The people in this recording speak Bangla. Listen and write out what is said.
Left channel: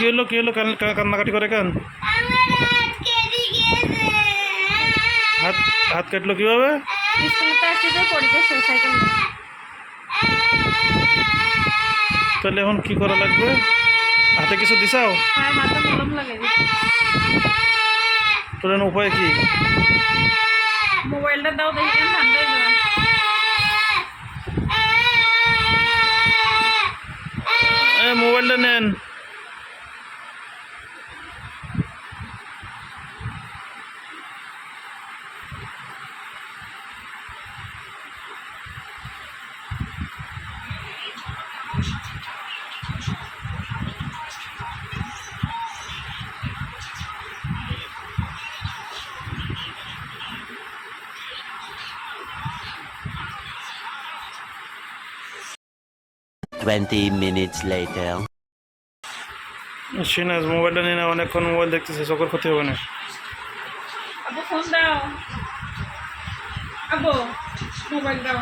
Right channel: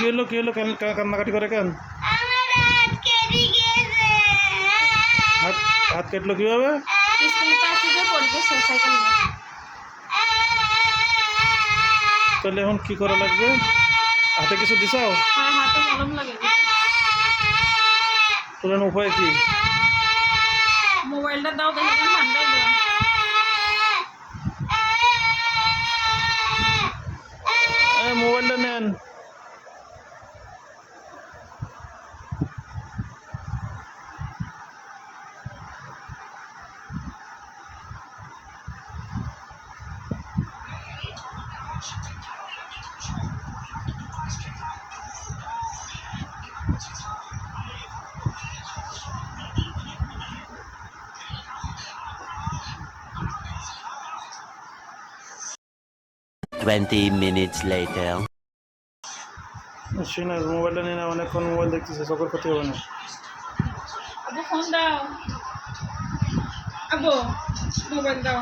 কি হলো কান্নাকাটি করে কেন? হাত হাত কাটলো কিভাবে? তাহলে এখন কি করা লাগবে? হাতে কিছু দিছাও? তোর উপায় কি? মোবাইলটা দাও দেখি ঠান্ডা মোবাইলটা নেন। Twenty minutes later. সিনাজ মোবাইলটা নিয়ে না, অনেকক্ষণ মোবাইল দেখতেছে, চোখের ক্ষতি হবে না। আবু ফোন দাও, আবু মোবাইল দাও।